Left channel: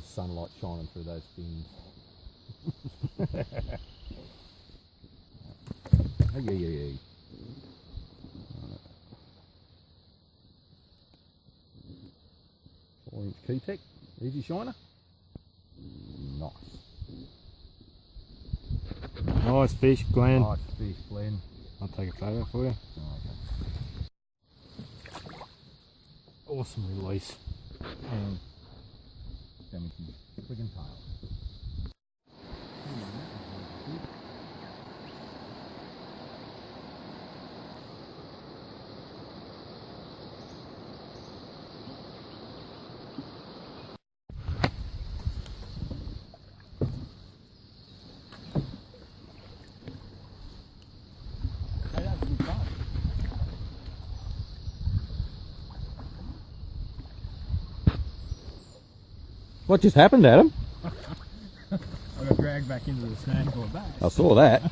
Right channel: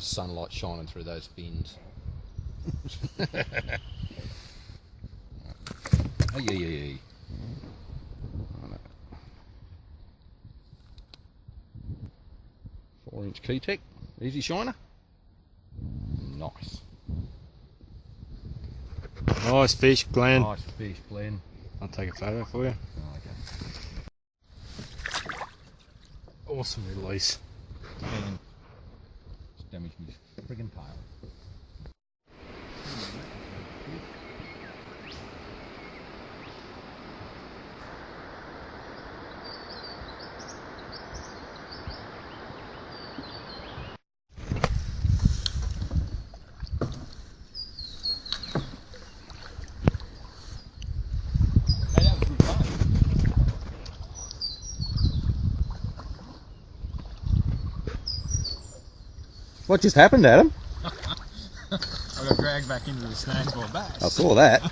of sunlight shining through those fins. Oh, yeah. 4-inch Key-Tech, easy shiner. Nice. Nice fish, Glenn. Nice fish, Glenn. I'll take a photo for you. Oh, okay. Awesome release. And damaged my friggin' tail. Hey, that was good fun. What just happened, Adam? I got dragged back into the snag by a bass. I saw that.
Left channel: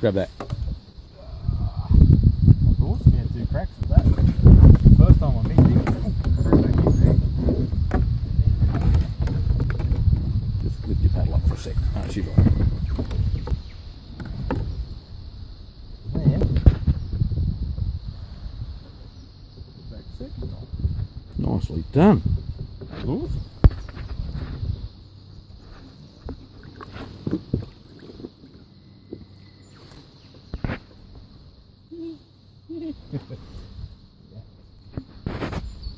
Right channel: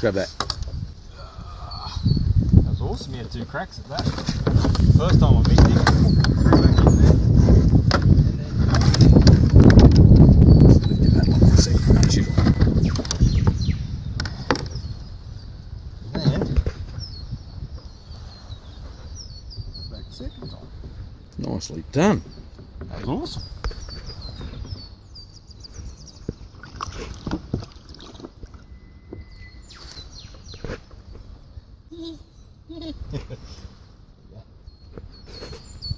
Grab that. That was awesome. He had 2 cracks at that. First time I missed him, threw back in there. Lift your paddle up for a second. No, she's right. And back second time. Nicely done. That was awesome.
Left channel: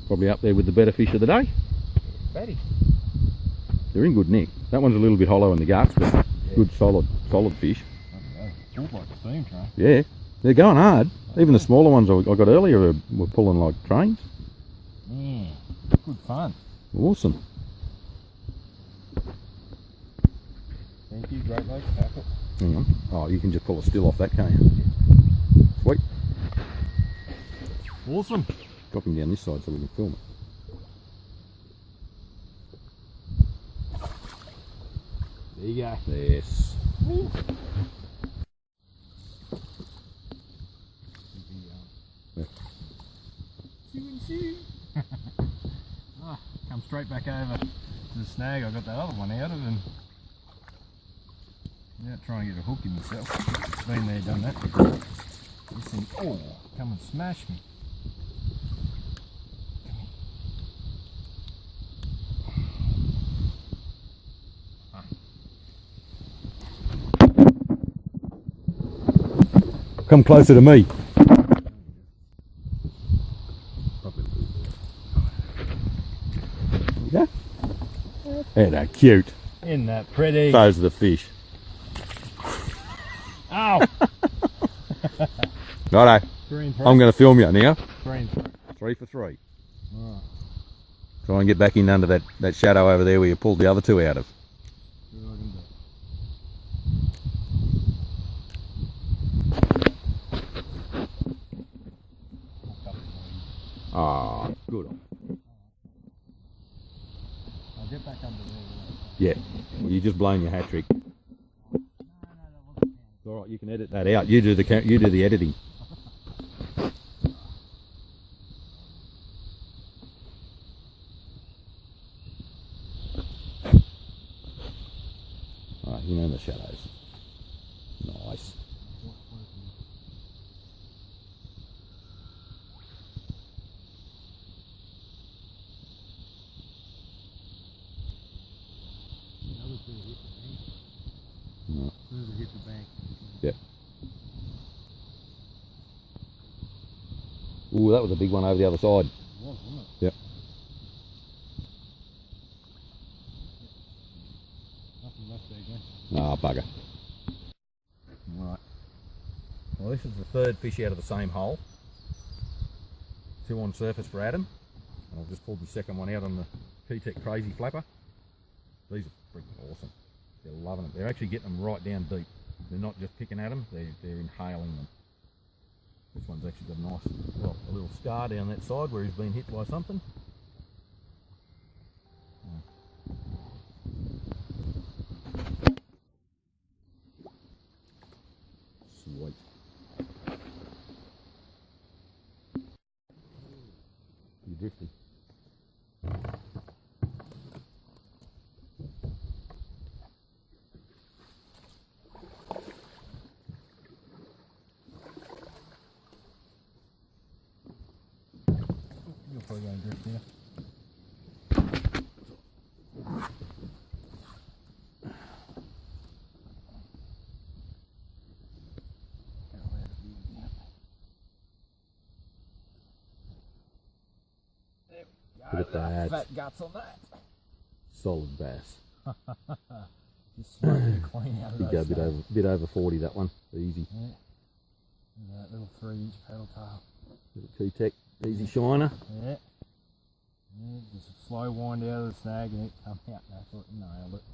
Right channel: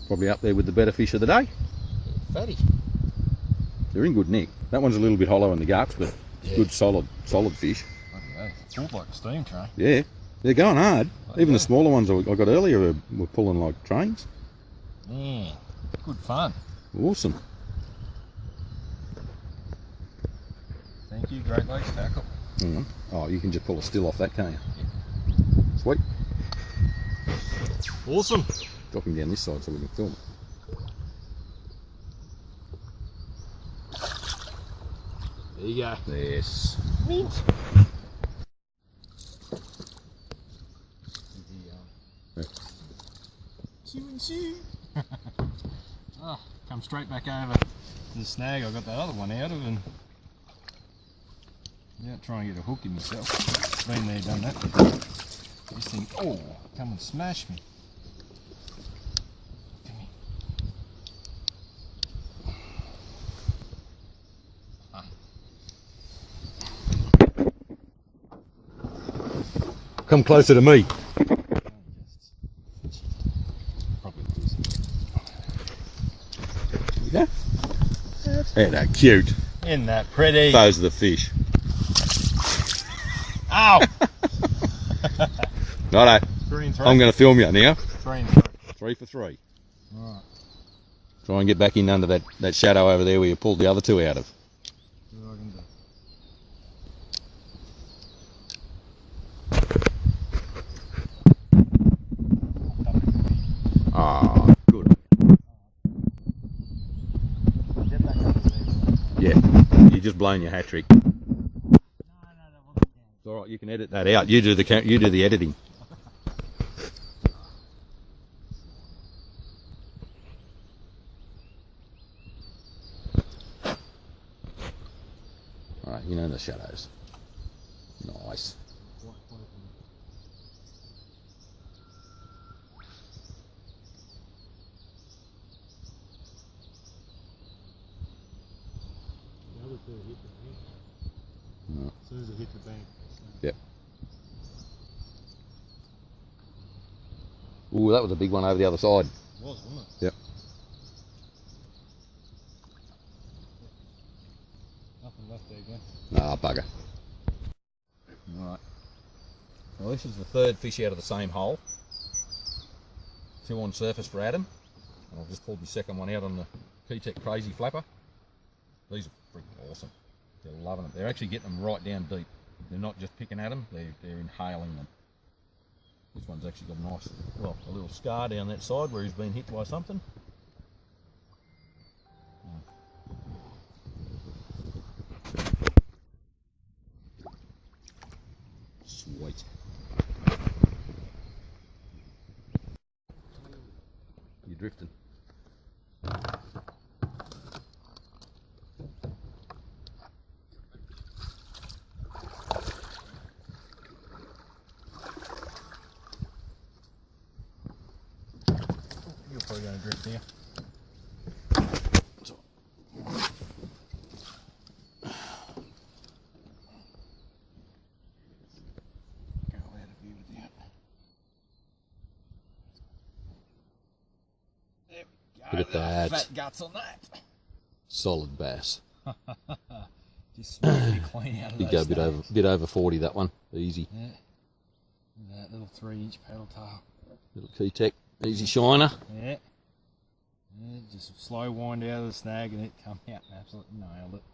Probably up there with the better fish of the day. Fatty. They're in good nick. That one's a little bit hollow in the guts, but Yeah. good solid fish. Pulled like a steam train. Yeah, they're going hard. Even the smaller ones I got earlier were pulling like trains. Yeah, good fun. Awesome. Thank you, Great Lakes Tackle. Hang on. Oh, you can just pull a still off that, can't you? Sweet. Awesome. Drop him down this side so we can film it. There you go. Yes. Mint. Yeah. Ah, come straight back over to the snag I got that other one out of, and without trying to get a hook in myself. Been there, done that before. This thing, oh, come and smash me. Come closer to me. Yeah. Ain't that cute? Isn't that pretty? Those are the fish. Ow! Righto. 3 and 3. I'm going to film you now. 3 and 3. 3 for 3. Alright. Try and get back in under that shadow over there where you pulled the other 2 out of. See what I can do. Ah, good. I'll get back up there. Yeah, you just blown your hat trick. No, that wasn't It's all right. You can edit that out. You do the editing. All right, you know the shadows. Nice. No. As soon as it hit the bank. Yep. Ooh, that was a big one over the other side. It was, wasn't it? Yep. Nothing left there, Glenn. Ah, bugger. Alright. Well, this is the 3rd fish out of the same hole. 2 on surface for Adam. And I've just pulled the 2nd one out on the Key-Tech Crazy Flapper. These are freaking awesome. They're loving it. They're actually getting them right down deep. They're not just picking at them, they're inhaling them. This one's actually got a nice, well, a little scar down that side where he's been hit by something. Sweet. You're drifting. going to drift now. Look at that. Fat guts on that. Solid bass. Just smoking it clean out of He'd those go a bit over 40, that one. Easy. Yeah. That little 3-inch paddle tail. Little Key-Tech, easy shiner. Yeah. Yeah. Just slow wind out of the snag and it come out and absolutely nailed it.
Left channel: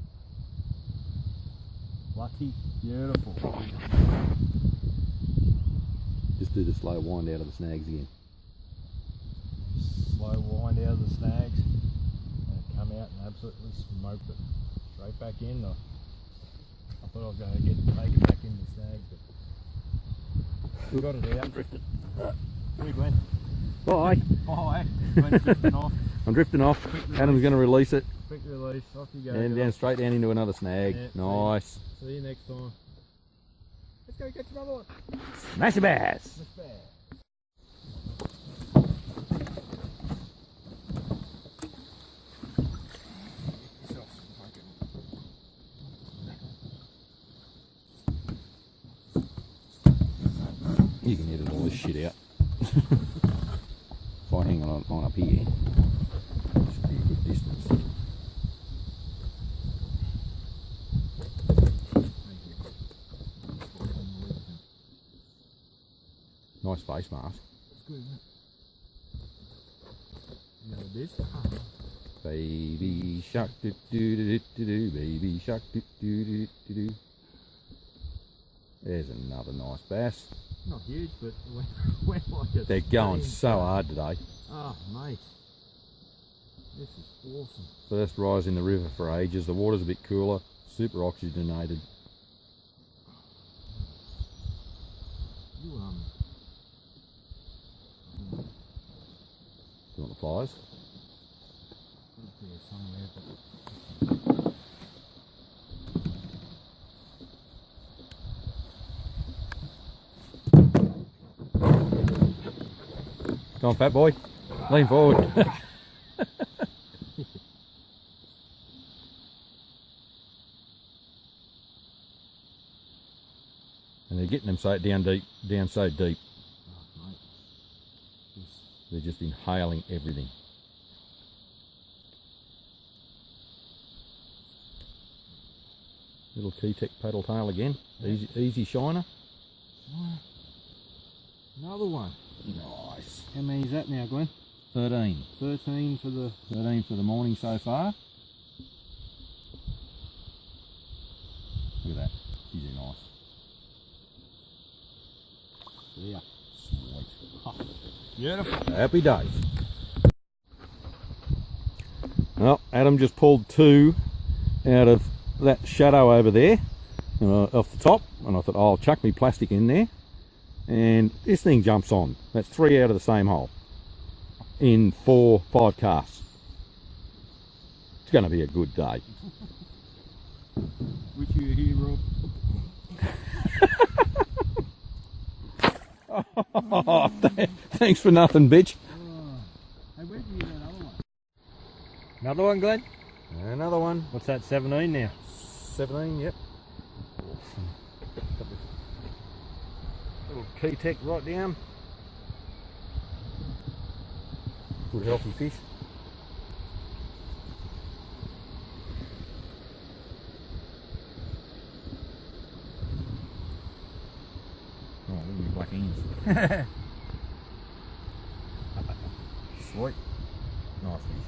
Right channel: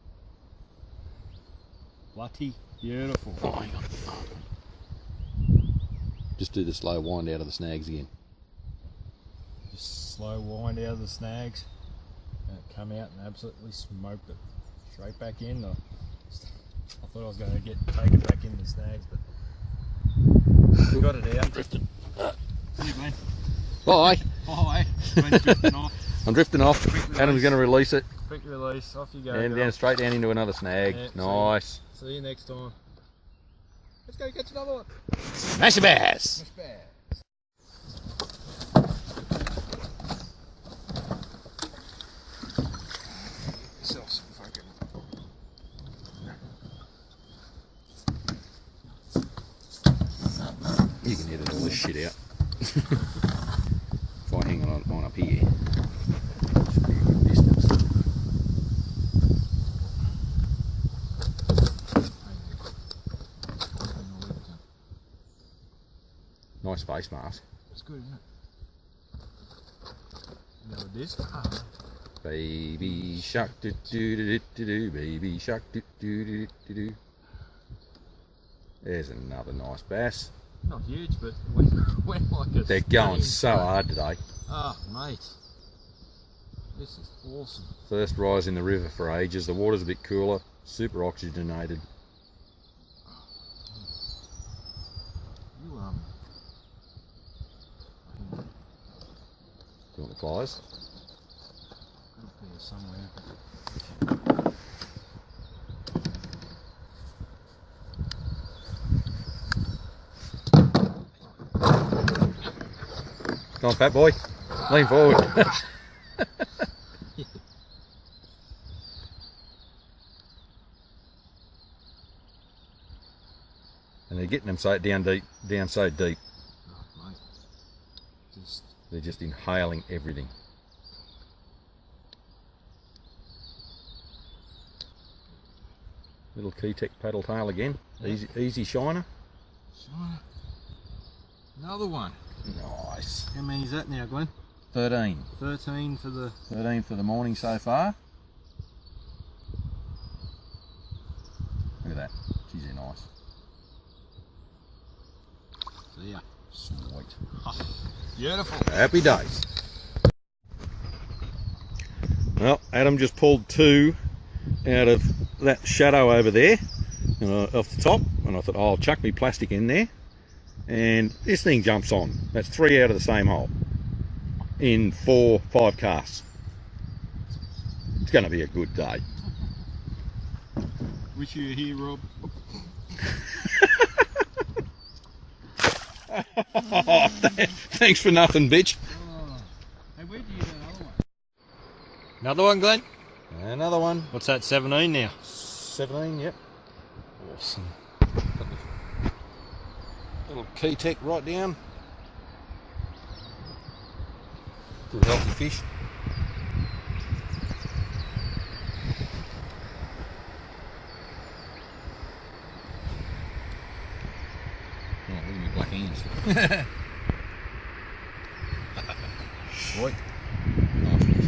Bloody beautiful. Oh, hang on. Just do the slow wind out of the snags again. Just slow wind out of the snags and it come out and absolutely smoked it. Straight back in. I thought I was going to take it back in the snags, but got it out. Drifted. See you, Glenn. Bye. Bye. Glenn's drifting off. I'm drifting off. Adam's going to release it. Quick release. Off you go. And down, straight down into another snag. Yeah, nice. See you next time. Let's go catch another one. Smash a bass. Smash bass. You can edit all this shit out. If I hang on up here, should be a good distance. Nice face mask. It's good, isn't it? You know what it is? Baby shark do do do do do, baby shark do do do do do. There's another nice bass. Not huge, but it went like a They're going steam so train. hard today. Ah, mate. This is awesome. First rise in the river for ages. The water's a bit cooler, super oxygenated. You Do you want the pliers? got a pair somewhere, but Come on, fat boy. Lean forward. And they're getting them so down so deep. oh, mate. Just They're just inhaling everything. Little Key-Tech paddle tail again. Yep. Easy shiner. shine. Another one. Nice. How many is that now, Glenn? 13. 13 for the 13 for the morning so far. Look at that. She's nice. See ya. Sweet. Beautiful. Happy days. Well, Adam just pulled 2 out of that shadow over there, off the top, and I thought, oh, I'll chuck me plastic in there, and this thing jumps on. That's 3 out of the same hole in 4-5 casts. It's going to be a good day. Wish you were here, Rob. Thanks for nothing, bitch. Oh. Hey, where do you get another one? Another one, Glenn? Another one. What's that, 17 now? 17, yep. Awesome. Little Key-Tech right down. Good healthy fish. Oh, look at me black hands. Sweet. Nice fish.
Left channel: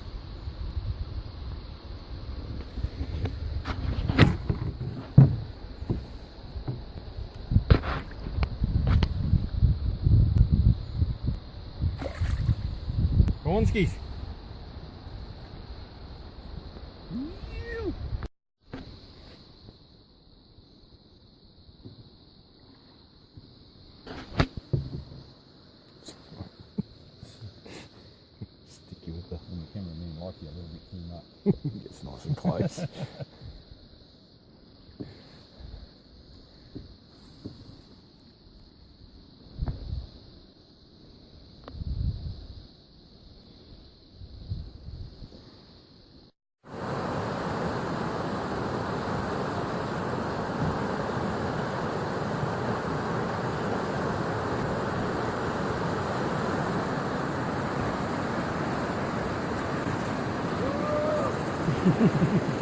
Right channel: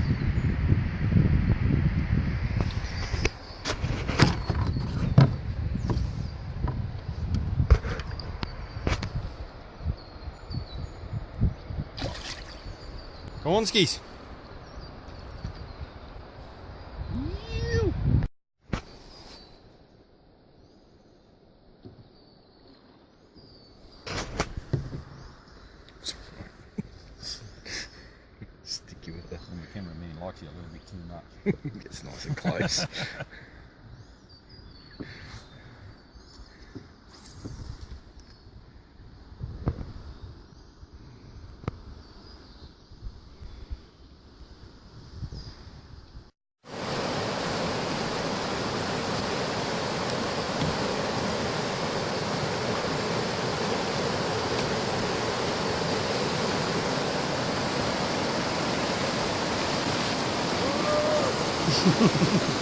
Come on, skis. Sticky with the And the cameraman likes you a little bit too much. gets nice and close. Yes.